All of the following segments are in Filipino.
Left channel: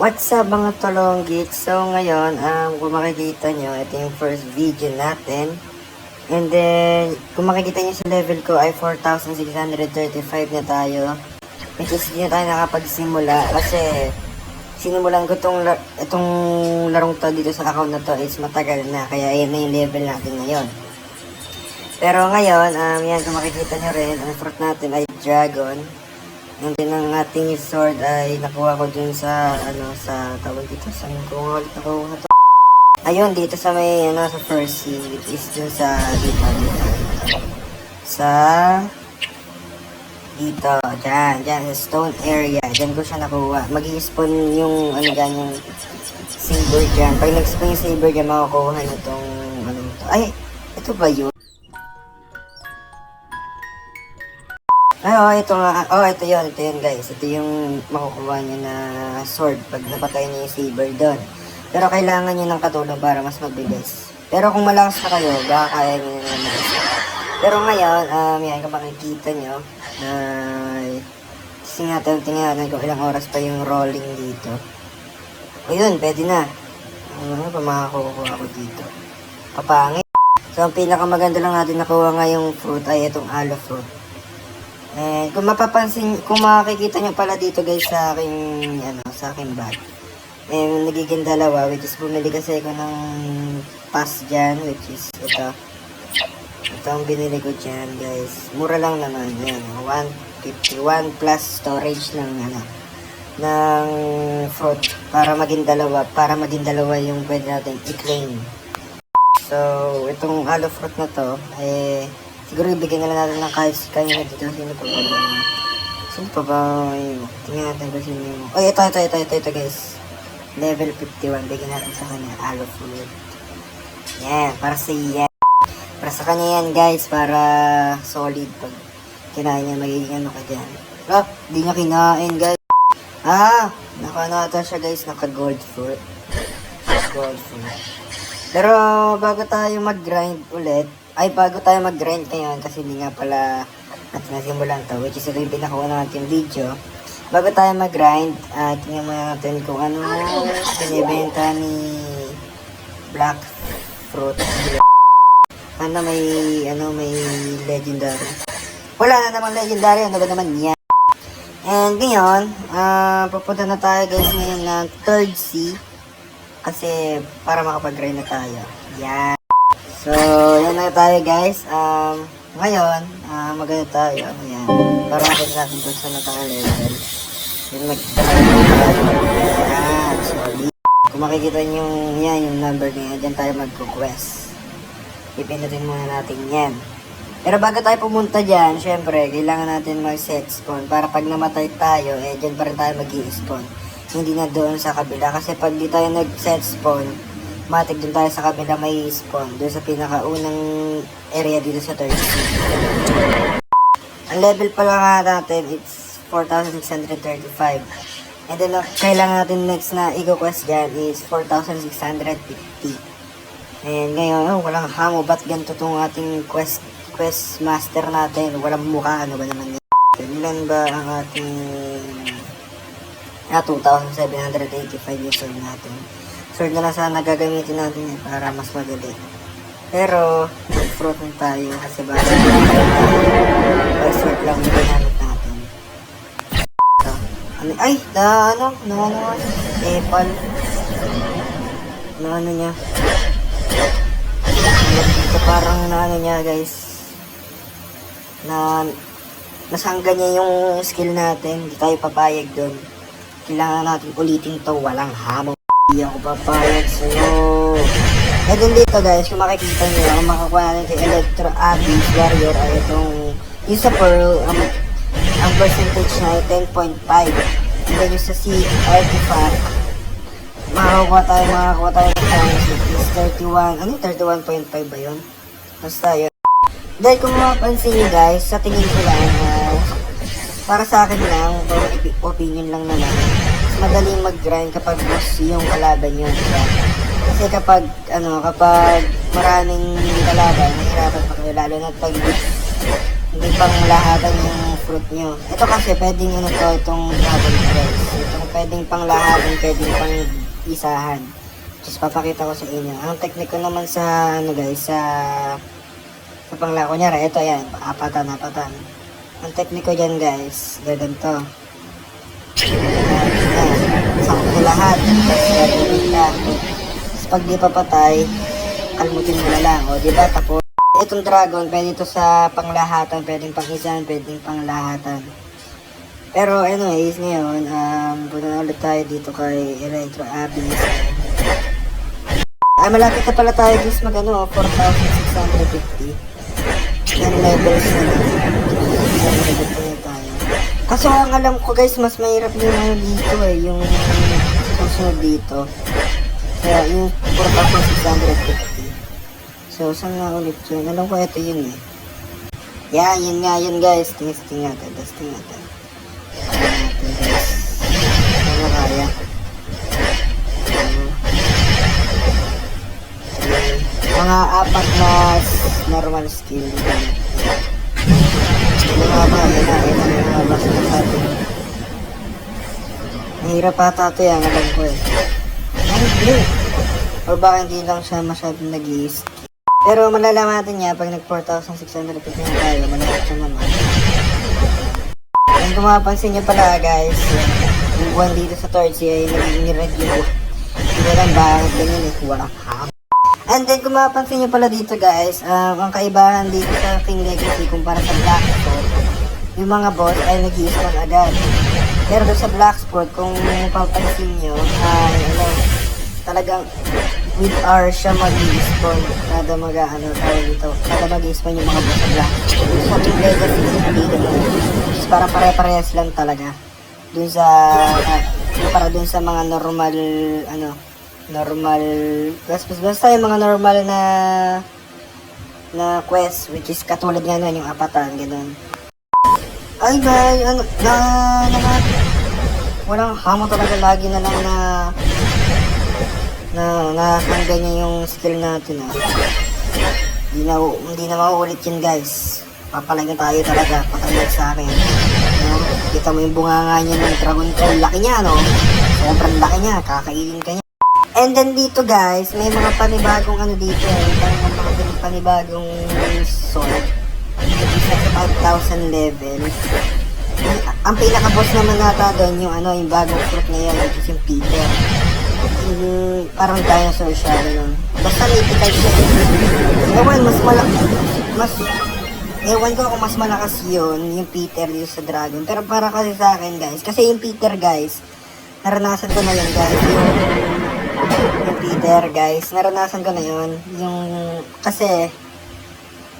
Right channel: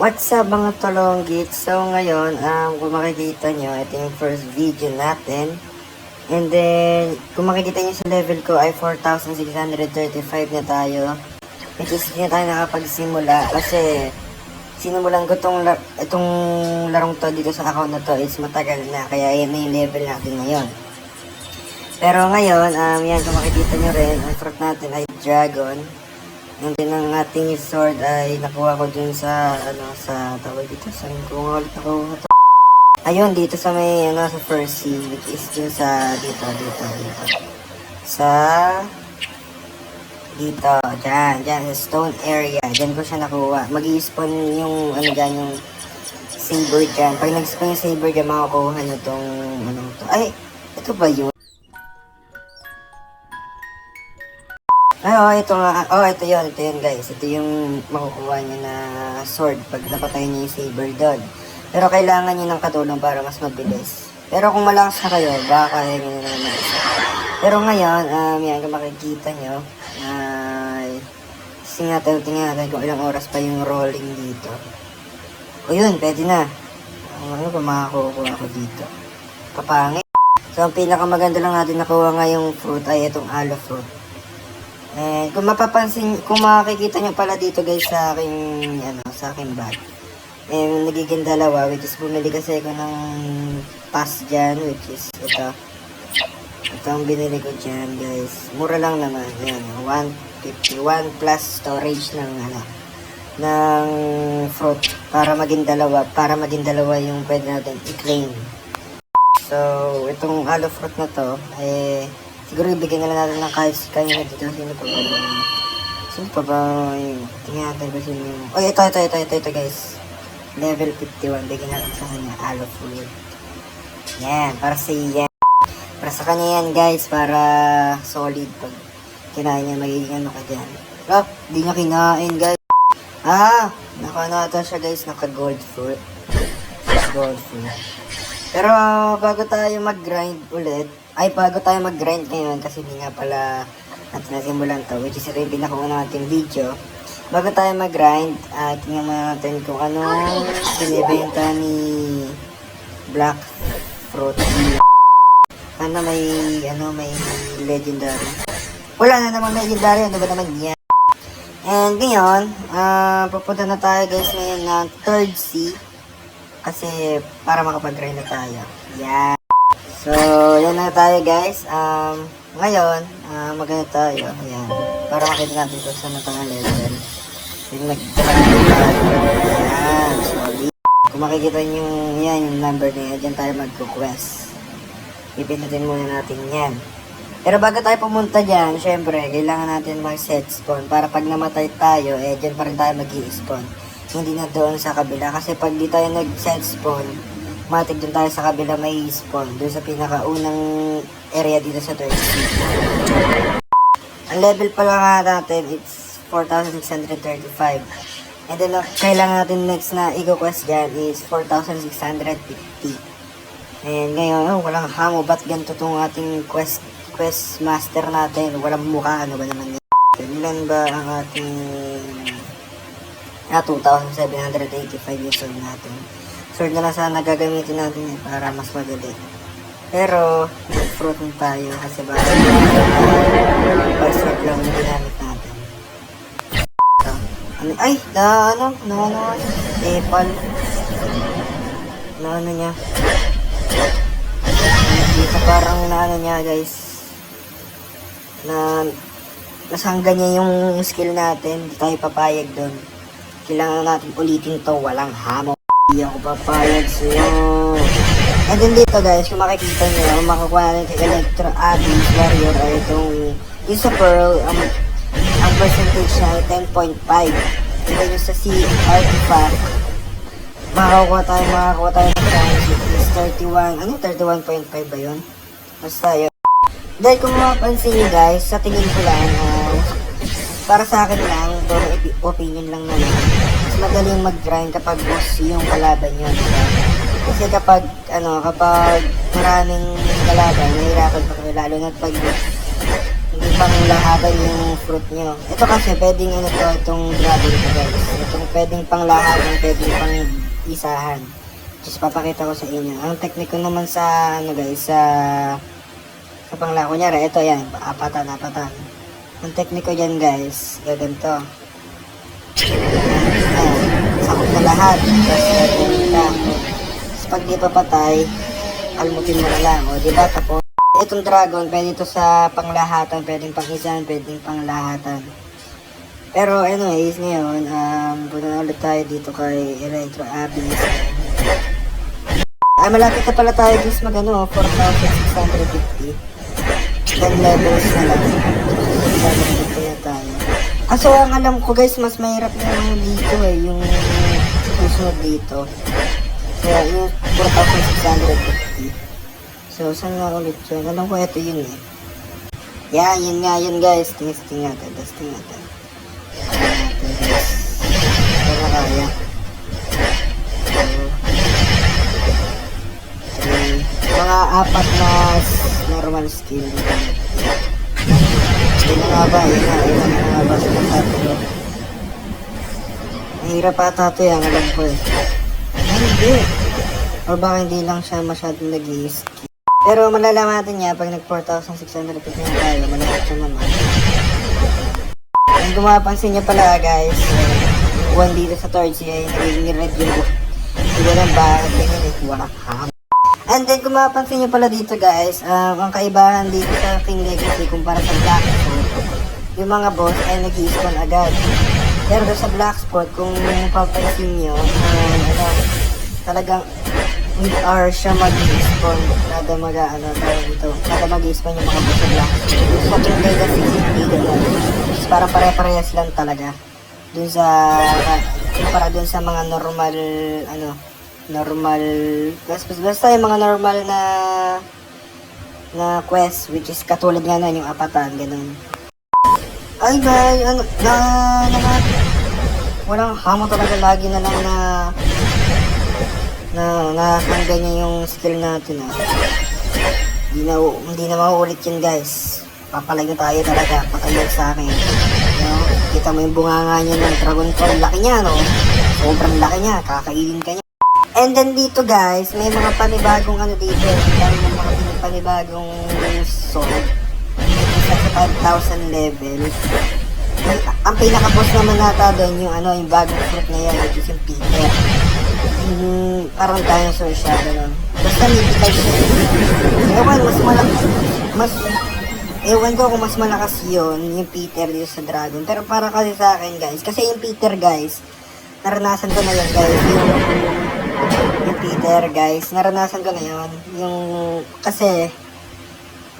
What's up mga tolonggit? So ngayon, kung makikita nyo, ito yung first video natin. And then, kung makikita nyo sa level ko ay 4,635 na tayo. Which is, hindi na tayo nakapagsimula kasi sinimulan ko itong larong to dito sa account na to is matagal na. Kaya yan na yung level natin ngayon. Pero ngayon, yan kung makikita nyo rin, ang fruit natin ay dragon. And then ang ating sword ay nakuha ko dun sa sa tawag dito, saan ko nga ulit nakuha to? Ayun, dito sa may sa first scene, which is dun sa dito. Dyan, sa stone area, dyan ko siya nakuha. Mag-i-spawn yung dyan, yung saber dyan. Pag nag-spawn yung saber dyan, makakuha nyo tong to. Ay, ito ba yun? Ito nga. Ito yun guys. Ito yung makukuha niyo na sword pag napatay niyo yung saber doon. Pero kailangan niyo ng katulong para mas mabilis. Pero kung malakas na kayo, baka kaya niyo na naman isa. Pero ngayon, yan, kung makikita niyo, tingnan kung ilang oras pa yung rolling dito. O yun, pwede na. Ano ba makakukuha ko dito? Papangit. So, ang pinakamaganda lang natin nakuha nga yung fruit ay itong aloe fruit. And kung makikita nyo pala dito guys sa aking bag. Nagiging dalawa, which is bumili kasi ako ng pass dyan, which is ito. Ito ang binili ko dyan guys. Mura lang naman yan. 151 plus storage ng fruit para maging dalawa yung pwede natin i-claim. So, itong aloe fruit na to, siguro ibigyan na lang natin ng kahit kanina dito. Sino pa ba yung tingnan natin kung sino yung ito guys, level 51. Bigyan natin sa kanya aloe fruit. Yan, para sa kanya yan guys, para solid. Pag kinain niya, magiging ka dyan. Di niya kinain guys. Naka siya guys, naka gold fruit. Pero bago tayo mag-grind ngayon, kasi hindi nga pala natin nasimulan to, which is ito yung pinakauna natin video. Bago tayo mag-grind, tingnan muna natin kung ano binibenta ni Black Fruit. Sana may legendary. Wala na namang legendary, ano ba naman yan? And ngayon, pupunta na tayo guys ngayon ng 3rd sea. Kasi para makapag-grind na tayo. Yan. So, yan na tayo guys. Ngayon, maganda tayo. Ayan. Para makita natin kung saan na tayo level. Sorry. Kung makikita nyo yung number na yan, dyan tayo mag-quest. Ipindutin muna natin yan. Pero bago tayo pumunta dyan, syempre, kailangan natin mag-set spawn. Para pag namatay tayo, dyan pa rin tayo mag-i-spawn. Hindi na doon sa kabila. Kasi pag di tayo nag-set spawn, matik doon tayo sa kabila may spawn. Doon sa pinakaunang area dito sa 30. Ang level pala nga natin, it's 4,635. And then, kailangan natin next na i-quest dyan is 4,650. And ngayon, walang hamo. Ba't ganito itong ating quest master natin? Walang mukha. Ano ba naman yan? Ilan ba ang ating 2,785 yung sword natin. Sword na lang sana gagamitin natin para mas madali. Pero, fruit na tayo kasi sword lang yung ginamit natin. Apple. Niya. Dito parang niya guys. Nasangga niya yung skill natin. Hindi tayo papayag doon. Kailangan natin ulitin to, walang hamon. Hindi ako papayag sa'yo. And then dito guys, kung makikita nyo, kung makakuha natin si Electro Abyss Warrior, yung sa Pearl, ang percentage na ay 10.5. Kaya nyo sa Sea Artifact, makakuha tayo ng 31.5 ba yun? Basta yun. Dahil kung mapapansin nyo guys, sa tingin ko lang, para sa akin lang, para opinion lang naman, mas madaling mag-grind kapag boss yung kalaban nyo, diba? Kasi kapag maraming kalaban, mahirapan pa kayo, lalo na pag hindi panglahatan yung fruit nyo. Ito kasi pwedeng ano to, itong dragon fruit. Itong pwedeng panglahatan, pwedeng pang isahan. Just papakita ko sa inyo. Ang technique ko naman sa ano guys, sa pangla. Kunyari, ito yan, apatan. Ang technique ko dyan guys, ganito. Sakot na lahat. Tapos pag di papatay, kalmutin mo na lang. O diba? Tapos, itong dragon, pwede ito sa panglahatan, pwedeng pang-isahan, pwedeng panglahatan. Pero anyways, ngayon, punta na ulit tayo dito kay Electro Abyss. Malapit na pala tayo guys mag 4,650. Then levels na lang. Kaso ang alam ko guys, mas mahirap yung dito yung susunod dito. So yung 4,650. So saan nga ulit yun? Alam ko ito yun eh. Yeah, yun nga yun guys. Testing natin. Ito na kaya. Mga 4 na normal skill. Ano nga ba? Mahirap ata ito yung alam ko eh. Hindi. O baka hindi lang siya masyadong nag-i-skill. Pero malalaman natin niya pag nag 4,650 na tayo. Malapit siya naman. Kung mapapansin niya pala guys, yung buwan dito sa Torch ay nagiging red yung hindi lang ba? Ganyan eh. Walang ham. And then kung mapapansin nyo pala dito guys, ang kaibahan dito sa King Legacy kumpara sa Blacksport, yung mga boss ay nag-i-spawn agad. Pero sa Blacksport, kung mapapansin nyo, ay talagang with hours siya mag-i-spawn. Kada mag-i-spawn yung mga boss sa Blacksport. Yung sa King Legacy, hindi naman. Parang pare-parehas lang talaga. Dun sa, para dun sa mga normal, basta yung mga normal na quest, which is katulad nga nun, yung apatan, ganun. Ay guys, walang hamo talaga, lagi na lang na ganyan yung skill natin hindi na mauulit yun guys. Papalaga tayo talaga, patayag sa akin. Kita mo yung bunganga niya ng dragon ko, laki niya sobrang laki niya, kakainin ka niya. And then dito guys, may mga panibagong dito. May mga panibagong sword. Sa 5,000 level. Ang pinaka-boss naman nata doon yung bagong fruit na yun, which is yung Peter. Parang dinosaur siya, gano'n. Basta mythical siya. Ewan ko kung mas malakas yun, yung Peter dito sa dragon. Pero para kasi sa akin guys, kasi yung Peter guys, naranasan ko na yun guys. Yung Peter guys, naranasan ko na yun. Kasi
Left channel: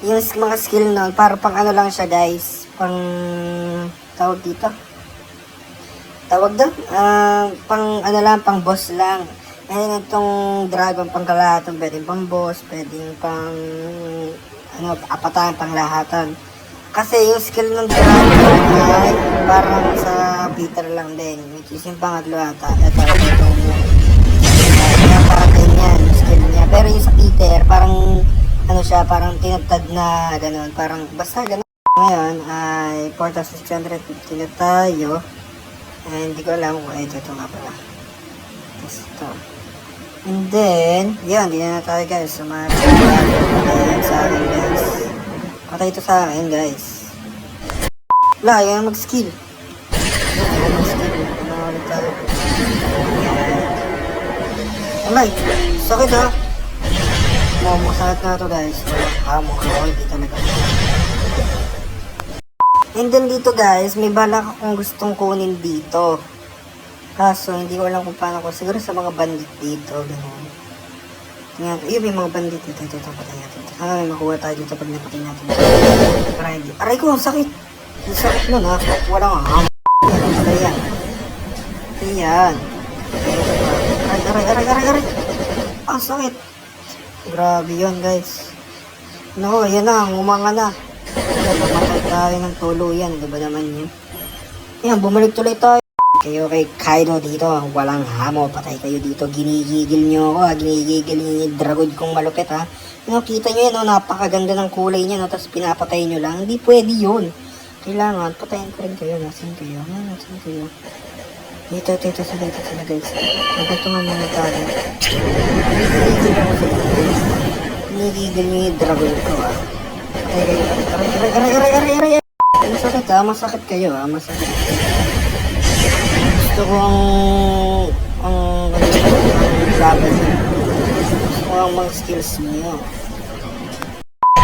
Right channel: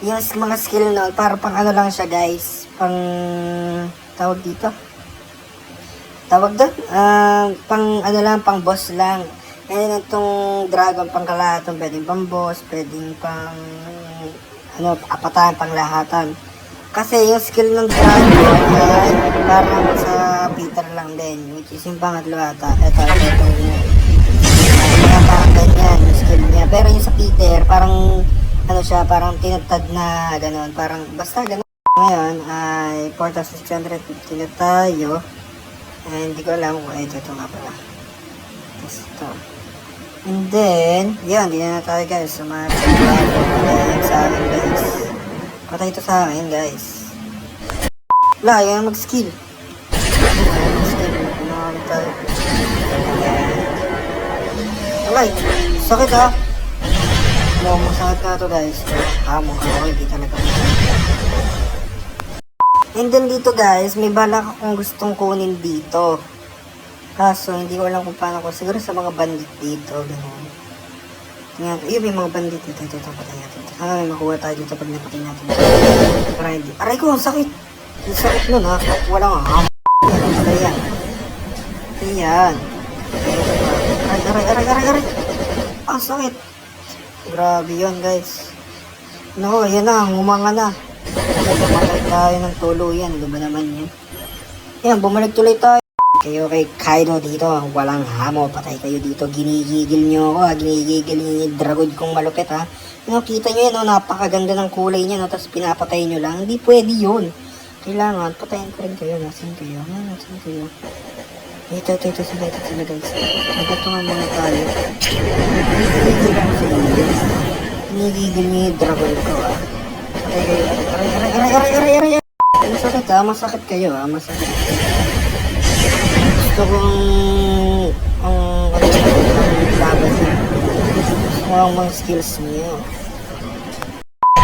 yung mga skill na para pang lang siya guys, pang tawag dito, pang boss lang. Ngayon itong dragon pang kalahatan, pwedeng pang boss, pwedeng pang apatan, pang lahatan. Kasi yung skill ng dragon ay parang sa Peter lang din, which is yung pangatlo ata. Ito parang ganyan yung skill niya. Pero yung sa Peter, parang parang tinatad na gano'n, parang basta gano'n. Ngayon ay 4,650 na tayo. And hindi ko alam kung ito nga pala. Tapos ito. And then, yun, hindi na tayo guys. Sumari sa akin guys. Patay ito sa akin guys. Wala, yun mag-skill. Alay, sakit ha. Masakit na ito guys. Hindi talaga. And then dito guys, may balak akong gustong kunin dito. Kaso hindi ko alam kung paano ko. Siguro sa mga bandit dito. Ganun. Tingnan, may mga bandit dito. Ito, patay natin. May makuha tayo dito pag napatay natin. Aray ko, ang sakit. Ang sakit nun ha. Wala nga. Ayan. Ayan. Aray. Ang sakit. Grabe yun guys. No, yan na, umanga na. Tayo ng tulo yan, ano ba naman yan? Yan, bumalik tuloy tayo. Kayo kay Kaido dito, walang hamo, patay kayo dito, ginigigil nyo ako ha, ginigigil nyo yung dragon kong malupit ha. Kita nyo yan, napakaganda ng kulay niya, tapos pinapatay nyo lang, hindi pwede yun. Kailangan, patayin ko rin kayo, nasan kayo, nasan kayo. Dito sila guys, pagkatungan muna tayo. Ginigigil nyo yung dragon ko ha. Aray. Masakit ha, masakit kayo ha, masakit kayo. Gusto ko ang laban niya. Gusto ko ang mga skills niyo.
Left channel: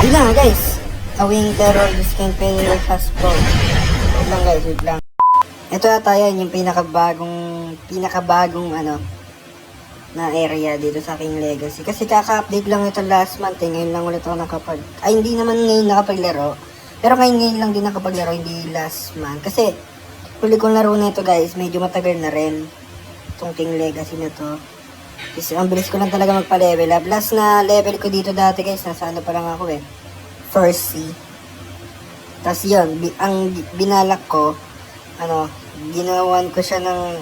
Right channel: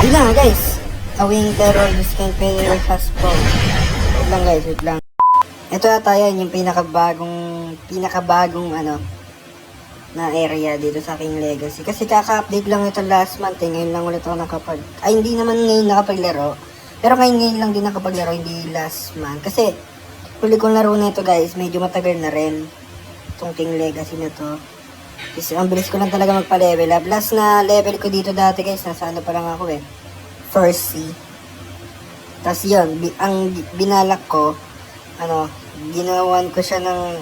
Yun lang guys. A wing terror, this can pay fast forward. Wait lang guys, wait lang. Ito yata yan, yung pinakabagong na area dito sa aking legacy. Kasi kaka-update lang ito last month eh. Ngayon lang ulit ako hindi naman ngayon nakapaglaro. Pero ngayon lang din nakapaglaro, hindi last month. Kasi huli kong laro na ito guys, medyo matagal na rin itong King Legacy na to. Kasi ang bilis ko lang talaga magpa-level up. Last na level ko dito dati guys, nasa pa lang ako eh. First C. Tapos yun, ang binalak ko, ginawan ko siya ng,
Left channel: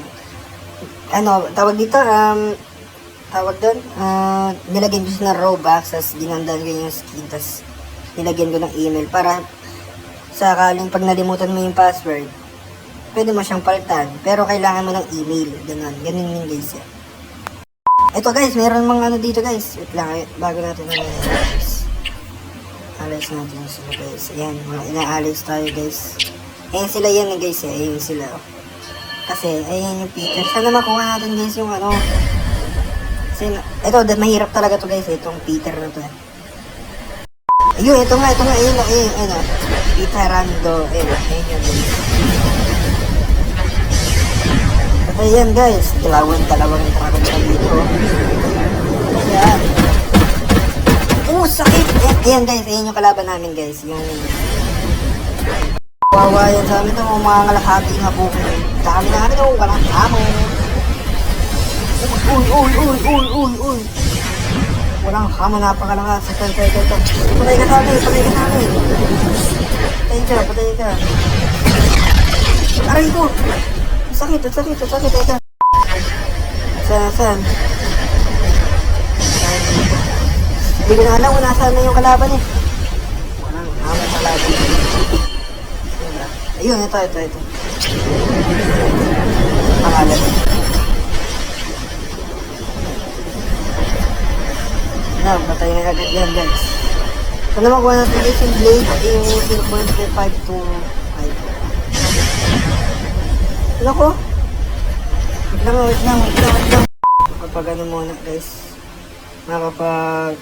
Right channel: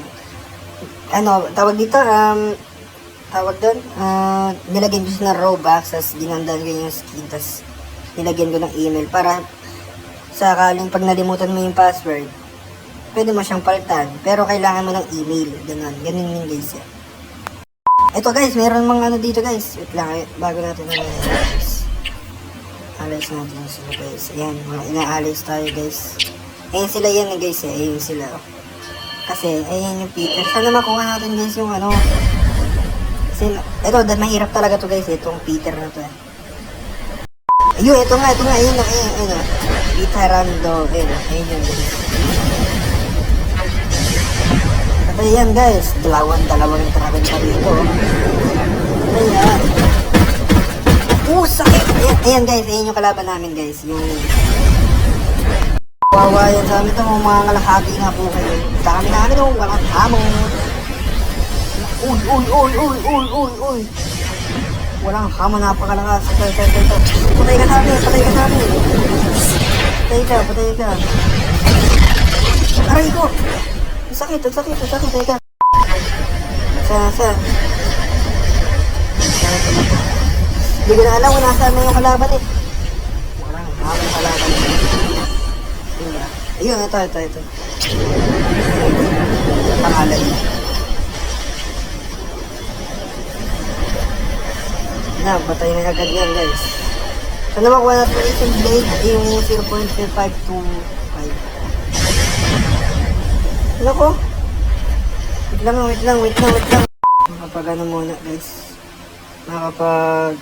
tawag dito, nilagyan ko siya ng Robux, tapos ginandan ko yung skin, tapos nilagyan ko ng email para sakaling pag nalimutan mo yung password, pwede mo siyang palitan, pero kailangan mo ng email. Ganun yun guys. Ito guys, meron mga dito guys. Wait lang, bago natin guys. Alis natin sila guys. Ayan, mga inaalis tayo guys. Ayan sila yan guys eh. Ayan sila. Kasi, ayan yung Peter. Sana makuha natin guys yung Kasi, ito, mahirap talaga to guys. Itong Peter na to. Ayun, ito nga. Ayun. Peterando. Ayun yan guys. Ayan guys, dalawang dragon kami ito. Ayan. Sakit! Ayan guys, ayan yung kalaban namin guys. Yung wawa yan sa amin ito, mga ngalahati na po kayo. Dami na namin yung walang hamon. Uy! Walang hamon, napakalakas. Patay ka namin. Patay ka. Aray ko! Sakit. Saan? Hindi ko na alam kung nasaan na yung kalaban eh. Walang kalaban. Ayun, ito. Pangalan. Yan, patay na agad yan guys. So naman kung natin yung blade, yung 0.5 to 5. Lako. Wait lang. Kapag muna guys. Nakapag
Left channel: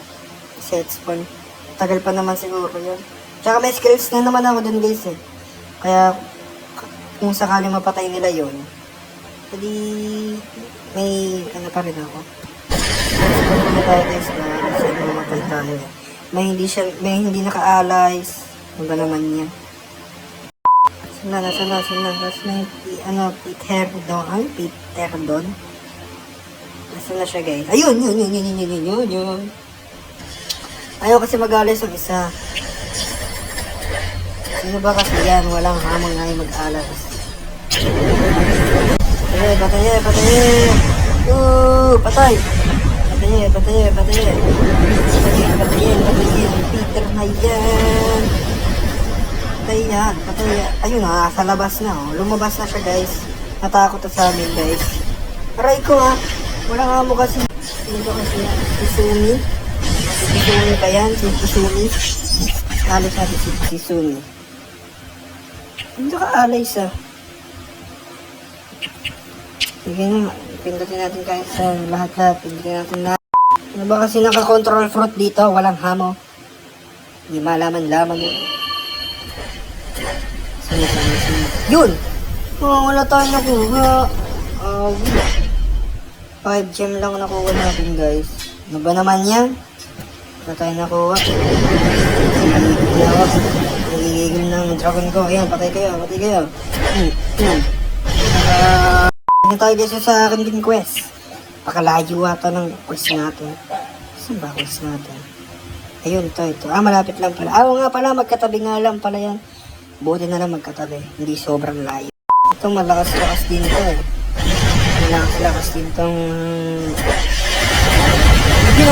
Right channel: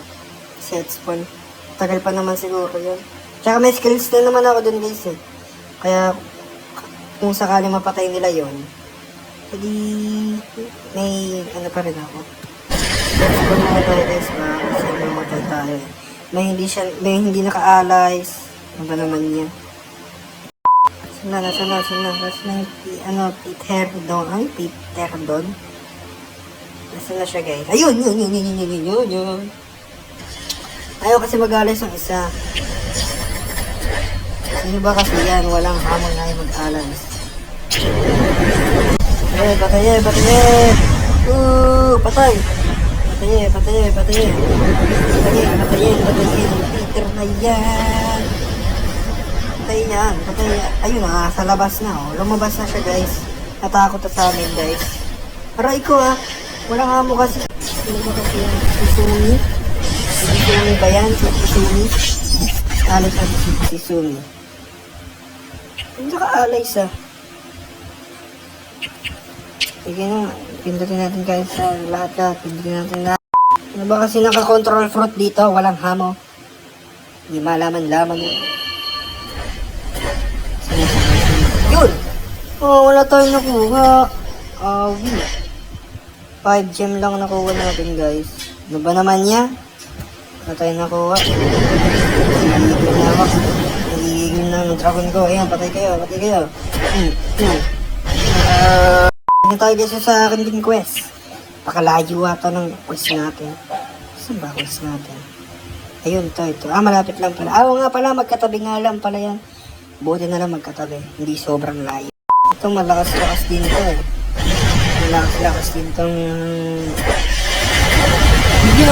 set spawn. Tagal pa naman siguro yun. Tsaka may skills na naman ako dun guys eh. Kaya kung sakali mapatay nila yun, hindi may pa rin ako. Let's go na tayo guys kasi mamatay tayo. May hindi naka-allies. Ano ba naman yan? Nasa na yung Peter Don. Nasa na siya guys. Ayun. Ayaw kasi mag-alas yung isa. Sino ba kasi yan? Walang hamon na yung mag-alas. Patay. Patay. Peter na yan. Patay. Ayun sa labas na lumabas na siya guys. Natakot na sa amin guys. Aray ko wala nga mo kasi. Susuni pa yan. Susuni. Alis natin si Susuni. Ang saka alis sige na. Pindutin natin guys sa lahat. Pindutin natin lahat. Ano ba kasi naka-control fruit dito? Walang hamo. Hindi malaman-laman yun. Yun! Wala tayo nakuha. 5 gem lang nakuha natin guys. Ano ba naman yan? Wala tayo nakuha. Nagigigil ng dragon ko. Ayan, patay kayo. Hindi tayo guys sa akin din quest. Pakalayo ata ng quest natin. Saan ba quest natin? Ayun, ito. Malapit lang pala. Oo nga pala, magkatabi nga lang pala yan. Buti na lang magkatabi. Hindi sobrang layo. Ito malakas-lakas din to eh. Malakas-lakas din tong... You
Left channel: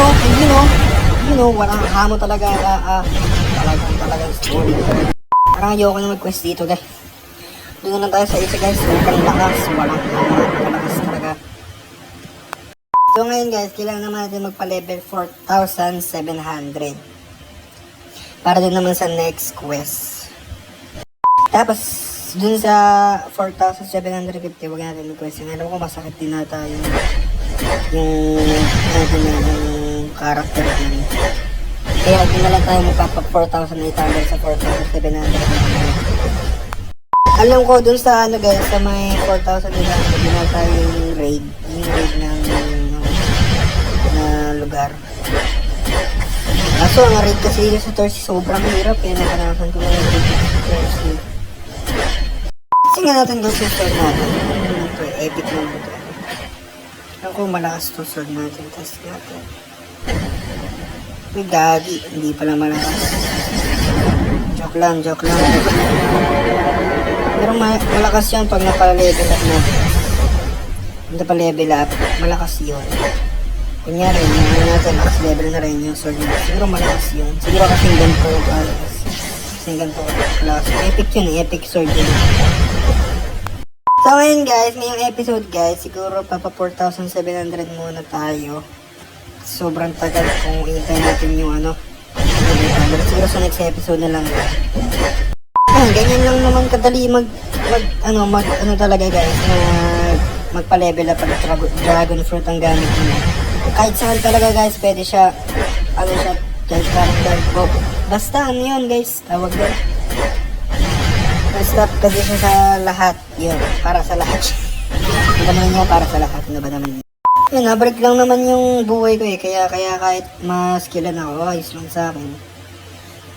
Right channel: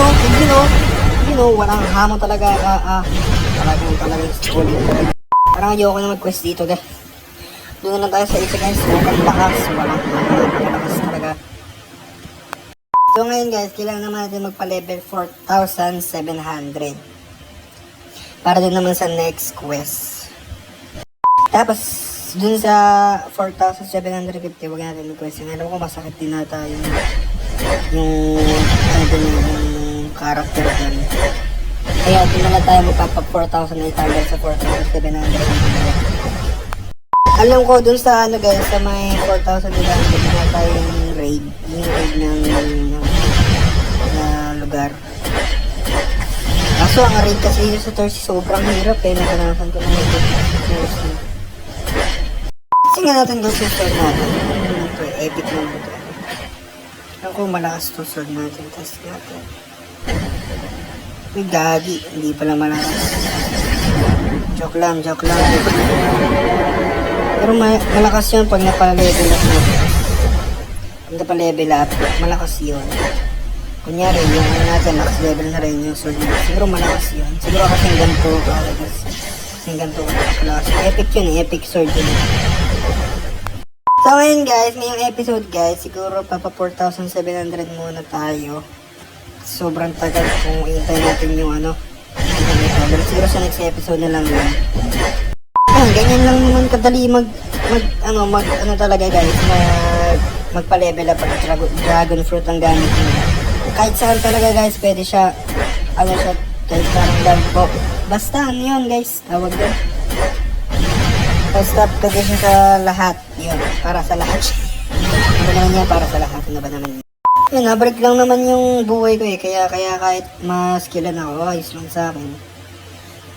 know, walang hamo talaga. Talagang schooling talaga. Parang ayoko na mag-quest dito guys. Doon na lang tayo sa isa guys. Walang lakas. Walang malakas talaga. So ngayon guys, kailangan naman natin magpa-level 4,700. Para din naman sa next quest. Tapos, dun sa 4,750, huwag natin mag-quest. Alam ko masakit din nata yung character dyan. Kaya di na lang tayo magpapa 4,800 sa 4,700. Alam ko dun sa ano guys, sa may 4,800 di na tayong raid. Yung raid ng lugar. Kaso ang raid kasi yung sa Thursday sobrang hirap eh. Nakanakan ko na yung raid sa Thursday. Kasi nga natin guys yung sword natin. Ito epic lang ito. Alam ko malakas to sword natin. Test natin. Uy, gagi. Hindi pala malakas. Joke lang. Pero malakas yun pag napalevel up natin. Pag napalevel up, malakas yun. Kunyari, natin max level na rin yung sword natin. Siguro malakas yun. Siguro kasi ganito. Kasi ganito. Malakas. Epic yun eh. Epic sword yun. So ngayon guys, ngayong episode guys, siguro papa 4,700 muna tayo. Sobrang tagal kung i-intay natin yung ano. Siguro sa next episode na lang yun. Ganyan lang naman kadali talaga guys, magpa-level up ang dragon fruit ang gamit mo. Kahit saan talaga guys, pwede siya, guys, parang dark book. Basta ano yun guys, tawag yun. Basta kasi siya sa lahat, yun, para sa lahat. Ano ba naman yan, para sa lahat, ano ba naman yun? Yun, nabreak lang naman yung buhay ko eh, kaya kahit ma-skillan ako, ayos lang sa akin.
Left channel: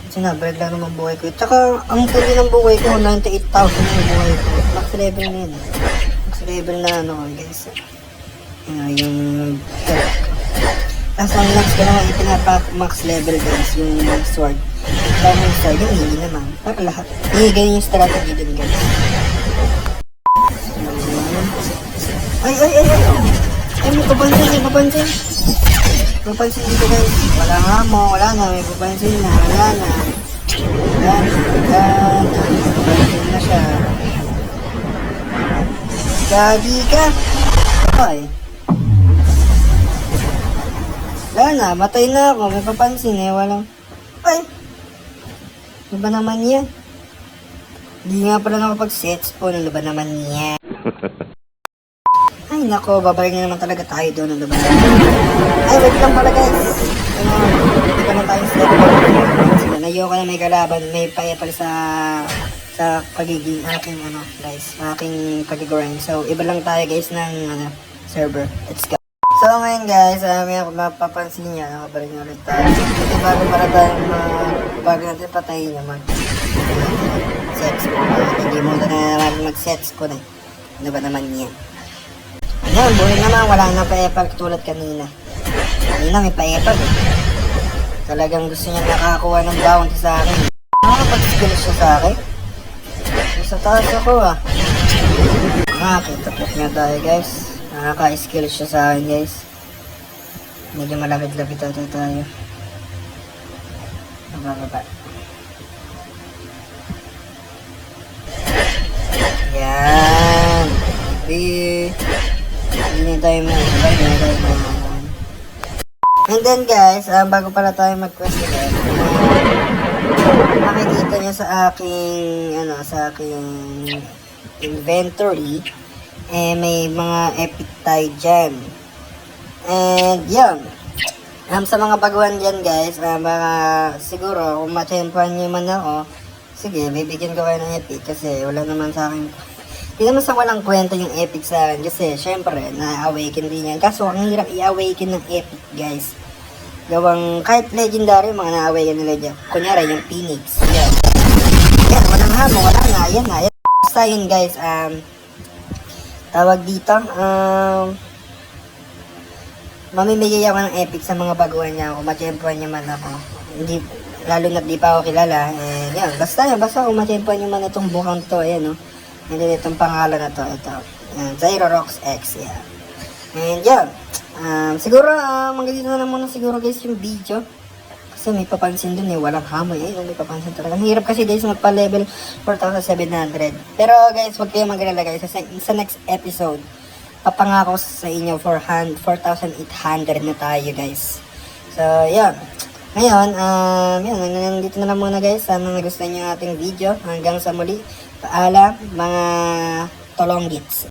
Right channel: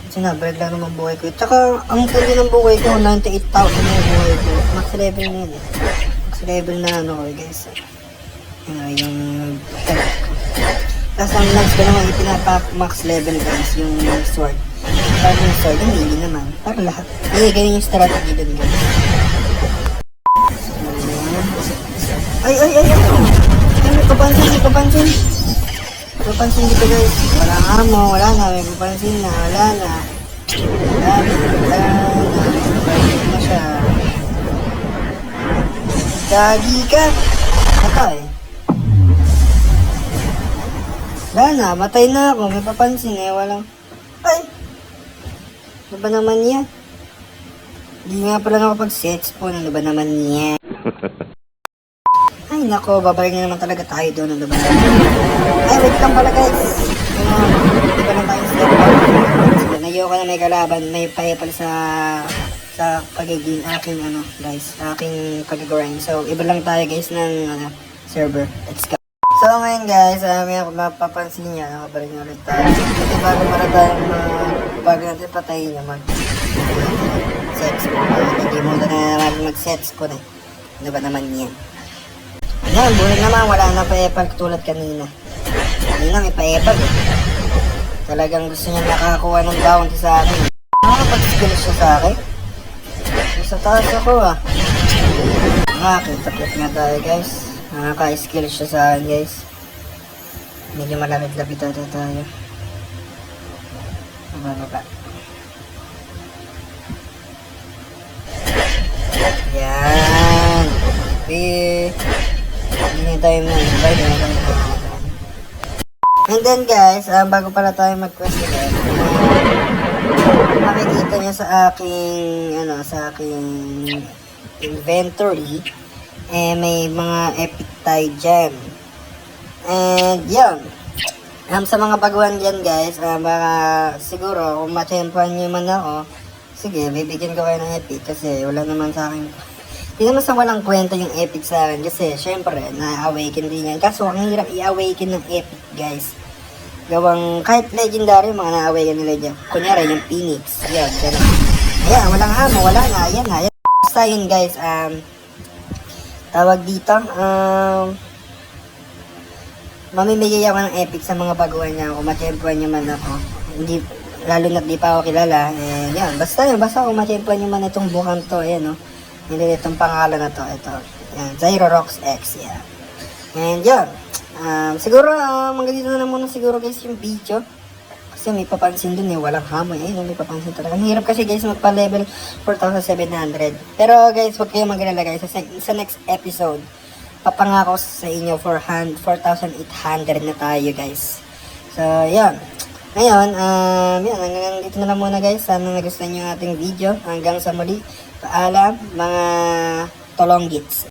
Kasi nabreak lang naman buhay ko. Tsaka, ang pundi ng buhay ko, 98,000 yung buhay ko. Max level na yun. Max level na ano ko guys. Yung... Tapos ang max ko naman, ipinapa-max level guys, yung sword. Para yung sword, yung hili naman. Para lahat. Ganyan yung strategy dun guys. Ay! Papansin. Papansin dito guys. Wala nga mo, wala nga. May papansin na, wala na. Papansin na siya. Gagi ka. Patay. Wala na, matay na ako. May papansin eh, walang... Ay! Ano ba naman yan? Hindi nga pala nakapag-set spawn. Ano ba naman yan? Ay nako, babalik na naman talaga tayo doon. Ano ba? Ay, wait lang pala guys. Hindi pa na tayo sa ayoko na may kalaban. May paya pala sa pagiging aking guys, aking pag-grind. So, iba lang tayo guys ng server. Let's go. So, ngayon guys, may ako mapapansin niya. Nakabalik na ulit tayo. Kasi bago natin patayin naman. Sets ko. Hindi mo na naman mag-sets ko na. Ano ba naman yan? Yan, buhay naman, wala nang pa-epal tulad kanina. Kanina may pa-epal eh. Talagang gusto niya nakakuha ng bounty sa akin. Nakakapag-skill siya sa akin. Sa taas ako ah. Nakakita-pit nga tayo guys. Nakaka-skill siya sa akin guys. Medyo malapit-lapit tayo. Baba. Yan. Hindi tayo And then guys, bago pala tayo mag-quest again, makikita nyo sa aking inventory, may mga epic tayo dyan. And yun, sa mga baguhan dyan guys, siguro kung ma-champion nyo man ako, sige, bibigyan ko kayo ng epic kasi wala naman sa akin. Hindi naman sa walang kwenta yung epic sa akin kasi syempre na-awaken din yan. Kaso ang hirap i-awaken ng epic guys. Gawang kahit legendary mga na-awaken nila dyan. Kunyari yung Phoenix. Yan, walang hamo, wala na. Yan. Basta yun guys, tawag dito, mamimigay ako ng epic sa mga baguhan niya. Kung ma-champion nyo man ako. Hindi, lalo na di pa ako kilala. And yan, basta kung ma-champion nyo man itong buhang to, ayan o. And then itong pangalan na to, ito. Yan, Zyrox X, yan. And yun. Siguro, magandito na lang muna siguro guys yung video. Kasi may papansin dun walang hamoy. Ayun, may papansin talaga. Ang hirap kasi guys magpa-level 4,700. Pero guys, huwag kayong magalala guys. Sa next episode, papangako sa inyo 4,800 na tayo guys. So, yun. Ngayon, yun, hanggang dito na lang muna guys. Sana nagustuhan nyo yung ating video. Hanggang sa muli. Paalam, mga tolonggits.